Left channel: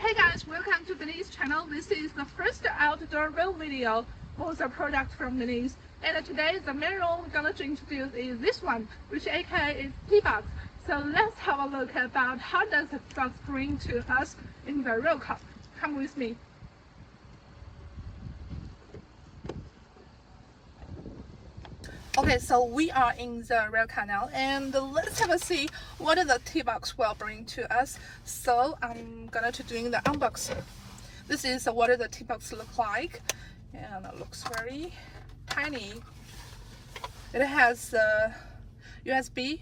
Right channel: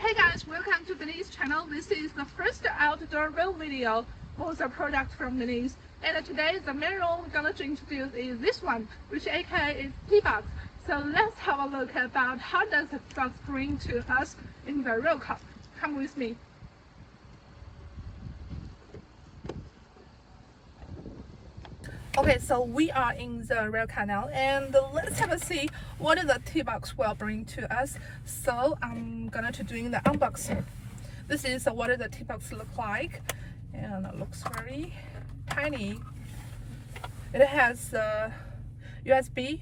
Hey guys, welcome to BINIZE channel. This is the first outdoor review video for the product from BINIZE. And today the main role we're going to introduce is this one, which aka is T-Box. So let's have a look about how does the T-Box bring to us in the real car. Come with me. Okay, so we are in the rear car now, and let's have a see what the T-Box will bring to us. So I'm gonna to doing the unboxing. This is what the T-Box look like, and it looks very tiny. It has USB.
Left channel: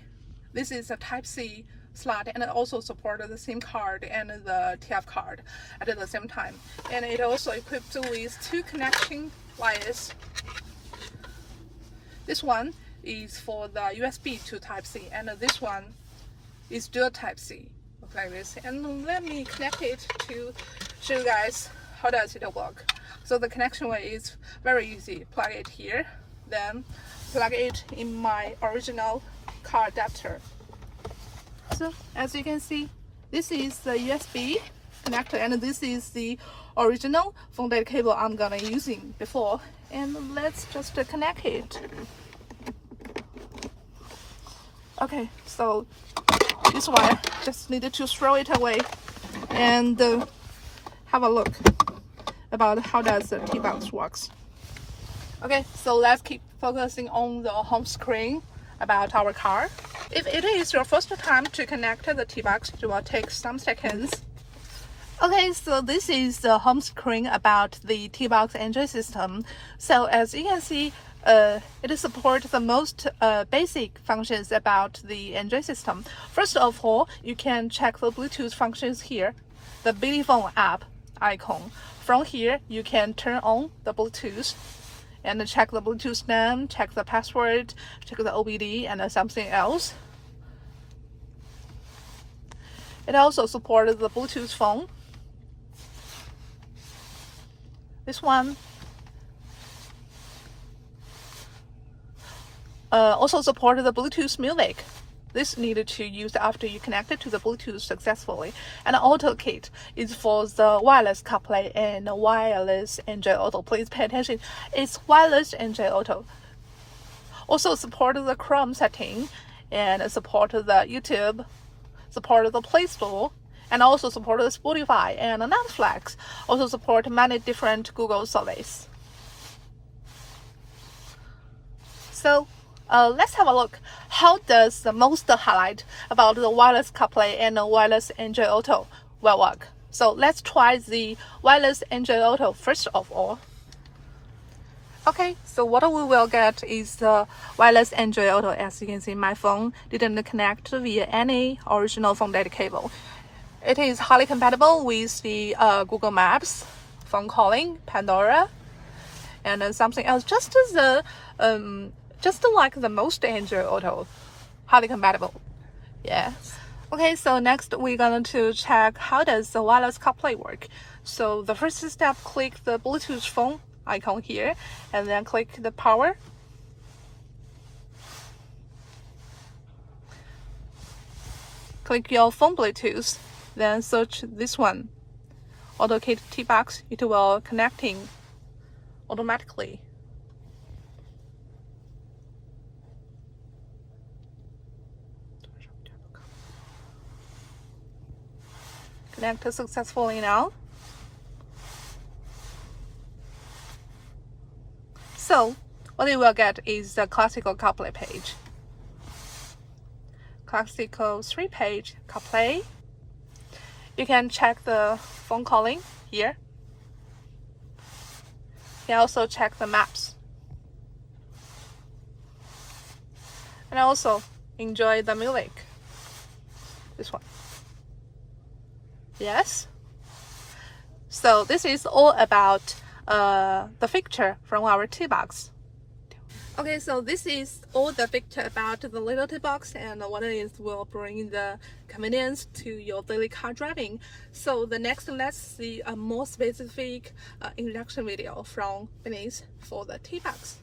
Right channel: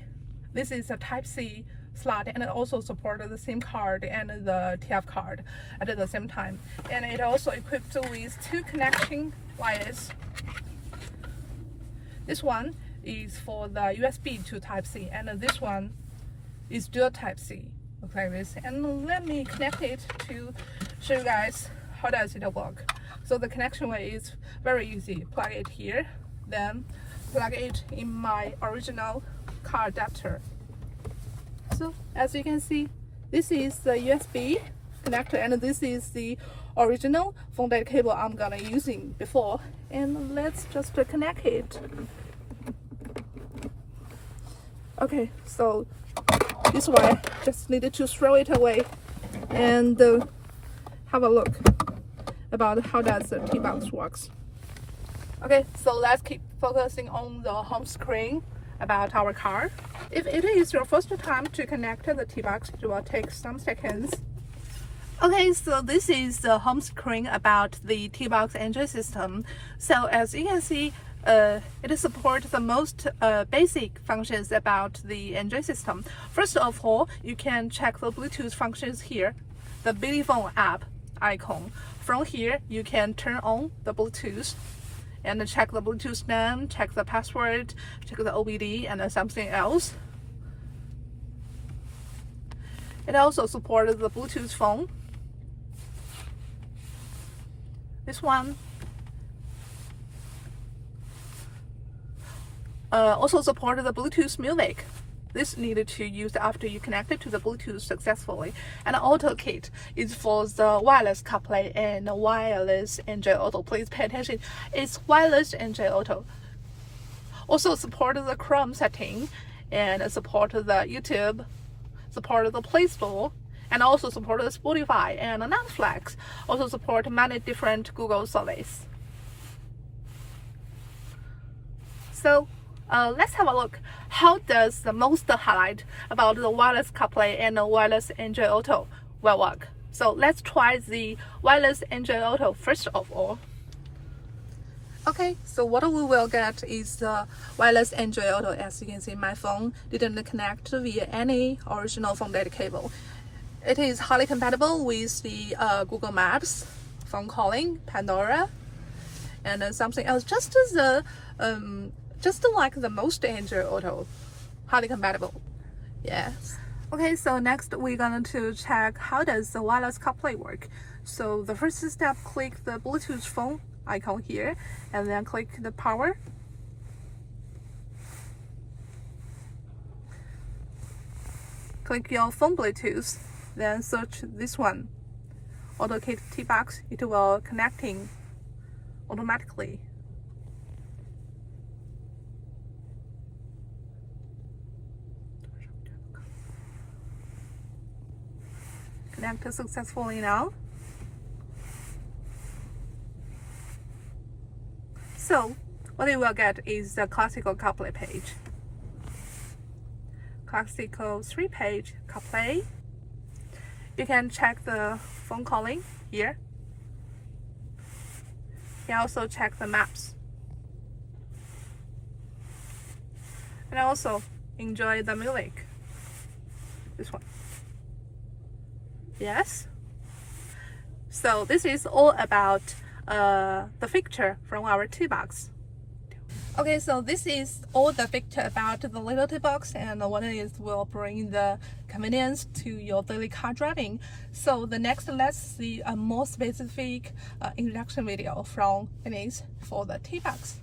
This is a Type-C slot, and it also supports the SIM card and the TF card at the same time. And it also equipped with two connection wires. This one is for the USB to Type-C, and this one is dual Type-C. Look like this. And let me connect it to show you guys how does it work. So the connection way is very easy. Plug it here, then plug it in my original car adapter. So as you can see, this is the USB connector, and this is the original phone data cable I'm gonna using before. And let's just connect it. Okay, so this wire just needed to throw it away and have a look about how does the T-Box works. Okay, so let's keep focusing on the home screen about our car. If it is your first time to connect the T-Box, it will take some seconds. Okay, so this is the home screen about the T-Box Android system. So as you can see, it supports the most basic functions about the Android system. First of all, you can check the Bluetooth functions here, the BINIZE app icon. From here, you can turn on the Bluetooth and check the Bluetooth name, check the password, check the OBD, and something else. It also supports the Bluetooth phone. This one also supported the Bluetooth music. This needed to use after you connect it to the Bluetooth successfully. And Auto Kit is for the wireless CarPlay and wireless Android Auto. Please pay attention. It's wireless Android Auto. Also supported the Chrome setting, and supported the YouTube, supported the Play Store, and also supported Spotify and Netflix. Also support many different Google services. So let's have a look. How does the most highlight about the wireless CarPlay and the wireless Android Auto will work? So let's try the wireless Android Auto first of all. Okay, so what we will get is the wireless Android Auto. As you can see, my phone didn't connect via any original phone data cable. It is highly compatible with the Google Maps, phone calling, Pandora, and something else. Just like the most Android Auto, highly compatible. Yes. Okay, so next we're going to check how does the wireless CarPlay work. So the first step, click the Bluetooth phone icon here, and then click the power. Click your phone Bluetooth, then search this one, AutoKit T-Box. It will connecting automatically. Connect successfully now. So what you will get is the classical CarPlay page. Classical 3-page CarPlay. You can check the phone calling here. You can also check the maps. And also enjoy the music. This one. Yes. So this is all about the feature from our T-Box. Okay, so this is all the feature about the little T-Box and what it is will bring the convenience to your daily car driving. So the next, let's see a more specific introduction video from BINIZE for the T-Box.